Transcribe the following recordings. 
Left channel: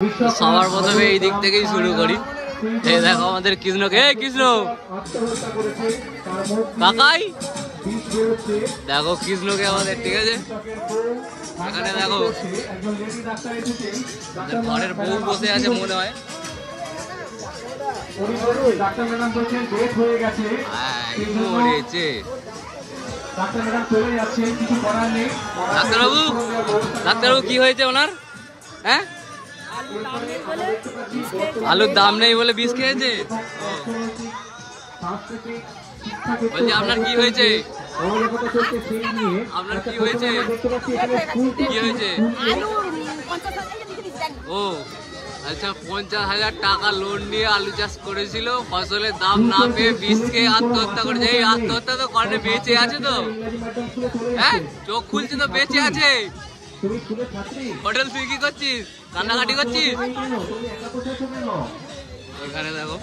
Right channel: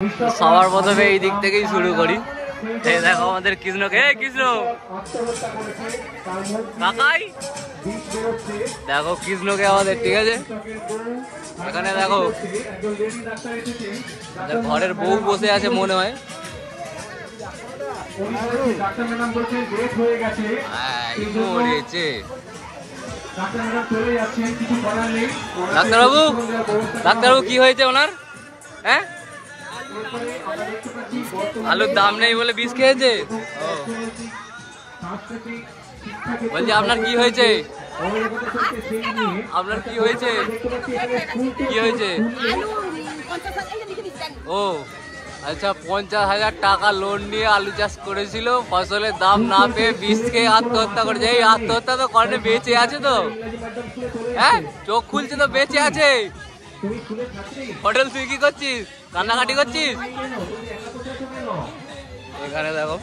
সবার প্রথমে এই দিক থেকেই শুরু করি। এই দেখো আমাদের কৃষ্ণকে, কৃষ্ণ কাকাই দেখো কৃষ্ণকে আমাদের, ঠিক আছে। এখানে দেখো ঘরের বউ বসে আছে মনে হয়। মরেছে ডাক্তারবাবু, ডাক্তারবাবু কি হয়েছে ওনার? হ্যাঁ, আলুর দাম নেই বলে বিষ খেয়েছে। বলছি আপনার কি হয়েছে? আপনার কি হয়েছে? কি হয়েছে? ও আচ্ছা, 50,000 টাকা লোন নিয়ে আলু চাষ করেছিল, ফসলের দাম না পেয়ে বিষ খেয়ে আত্মহত্যা করেছে। এই আত্মহত্যা তো করে, বেঁচে আছে তো, হ্যাঁ চোখ খুলছে তো, বেঁচে আছে। হোটেল তুই কি করছিস? কান্নাকাটি করছিস? এখানে দেখো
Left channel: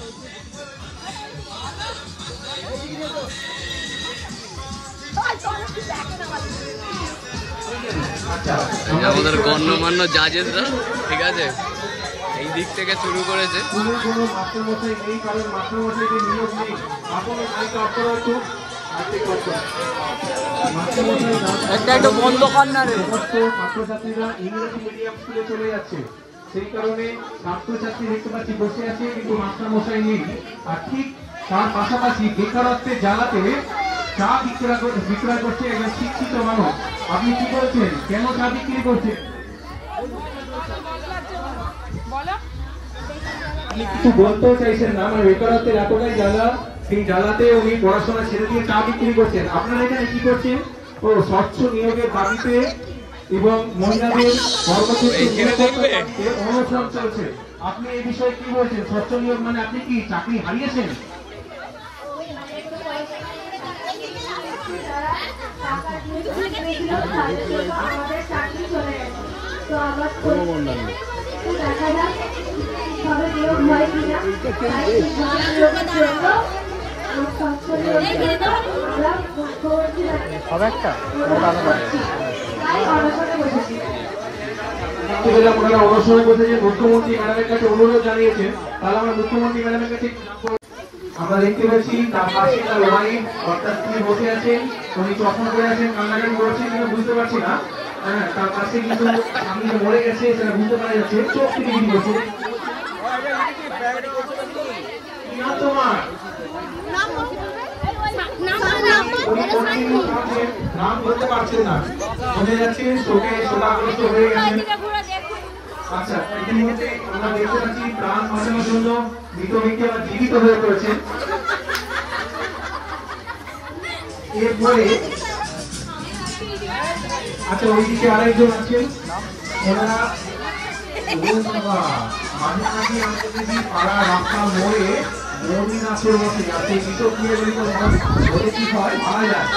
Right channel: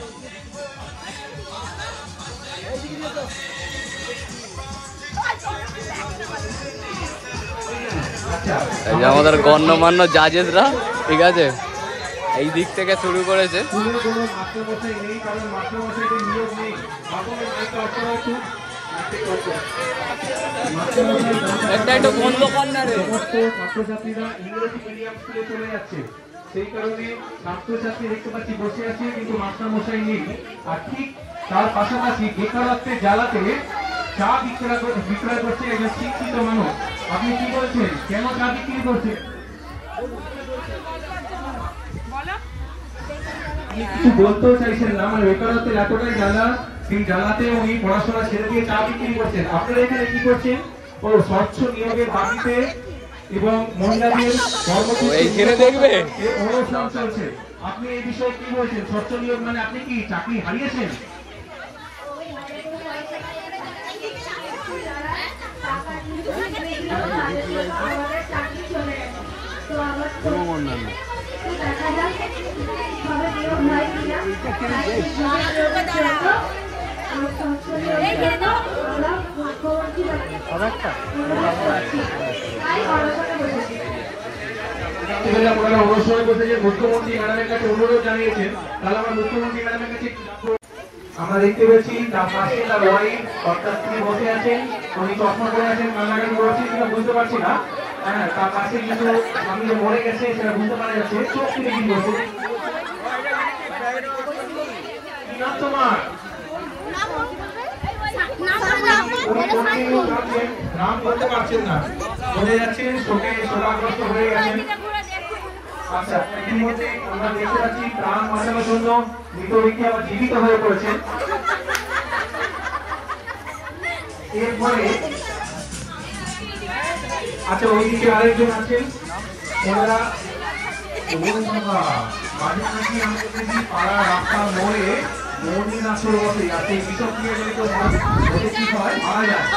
এই যে আমাদের গণ্যমান্য জাজেসরা, ঠিক আছে, এই দিক থেকে শুরু করেছে। একটা একটু বন্ধ কর না রে। ছাত্রছাত্রীরা ইংরেজি মিডিয়াম স্কুলে চলে যাচ্ছে, সেই কারণে ছাত্রছাত্রী দেখতে পাচ্ছি বসে আছে, কিন্তু মাস্টার মশাই নেই। আর ঠিক তার পাশাপাশি বেকারত্বের জ্বালাতে চা বিক্রয় করছে একজন শিক্ষিত মানুষ। আপনি কি বলছেন, কেন চা বিক্রি করছেন? আপনি কিছু বলতেও চাইছেন না, মানে বেকারত্বের এতটাই জ্বালা, সেই জ্বালাতে উনি পড়াশোনা ছেড়ে দিয়ে চা বিক্রি করছেন। আপনারা এখানে কি করছেন? ও স্বচ্ছ নিয়োগের দাবিতে এবং মহিলাদের অনুসরণ চলছে। আপনি এই বিষয়ে কি বলছেন? স্বচ্ছ নিয়োগ মানে আপনি কি চাকরি হারিয়েছেন? অনুসরণ বসেছে, মুখ্যমন্ত্রী ম্যাডামের কাছে অনুরোধ জানিয়েছেন। তাহলে আমরা মুখ্যমন্ত্রী ম্যাডামের কাছে আমরা দেখতে পাচ্ছি তার পাশে তার ওয়াইফ অর্থাৎ তিনি বসে আছেন, উনি চশমা পরে আছেন, কান্নাকাটি করছেন কিনা বুঝতে পারছি না। হ্যাঁ, তার পাশে কিন্তু সামনে মরে গেছে, সেটা বুঝতে পারা যাচ্ছে। চোখ থেকে কি বলছে? তোমার নাম বলতে পারছেন না, বোঝা যাচ্ছে শোকে শোকাগ্রস্ত হয়ে গেছেন। আচ্ছা, ইতিমধ্যে আমরা দেখতে পাচ্ছি প্রাণ বাঁচানোর জন্য মৃত ব্যক্তি আবার জীবিত হয়ে পড়েছেন। এরপরে আচ্ছা, ওইদিকে আরেকজন আছেন, ওনারা মাঝে মাঝে আমাদের যদি পাড়া রাস্তার মোড়ে মন্দির বসে যাতে বিষক্রিয়াজনিত হতে কি হয়, মারা যায়,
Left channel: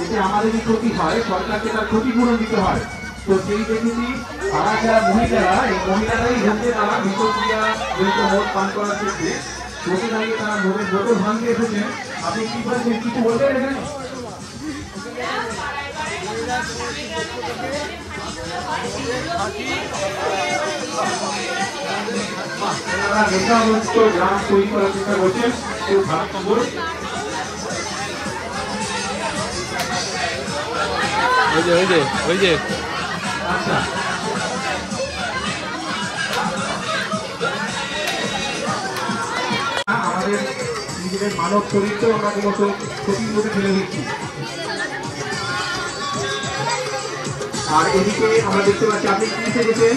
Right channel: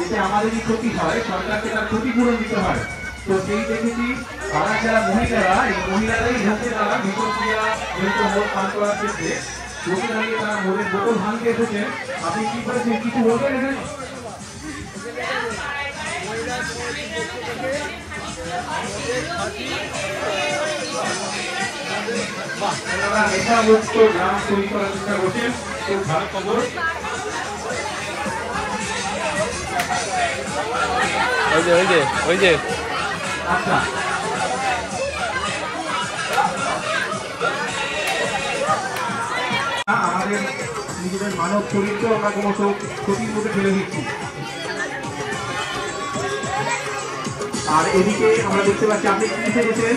এতে আমাদেরই ক্ষতি হয়, সরকারকে তার ক্ষতিপূরণ দিতে হয়। তো সেই দেখেছি তারা যারা মহিলারা, এই মহিলারাই হচ্ছে তারা বিষক্রিয়া জনিত মদ পান করার ক্ষেত্রে লোকে থাকে, তারা মদের বোতল ভাঙতে এসেছেন। আপনি কি বলেছেন, কিছু বলবেন এখানে? নেশামুক্ত গ্রাম তৈরি করার চেষ্টা করছেন, খুব ভালো খবর। আচ্ছা, আমাদের নিজেদের মানব চরিত্র আমরা ক্রমশ ক্ষতির মধ্যে ফেলে দিচ্ছি। আর এদিকে আমরা দেখতে পাচ্ছি, আপনি কি সেরেছেন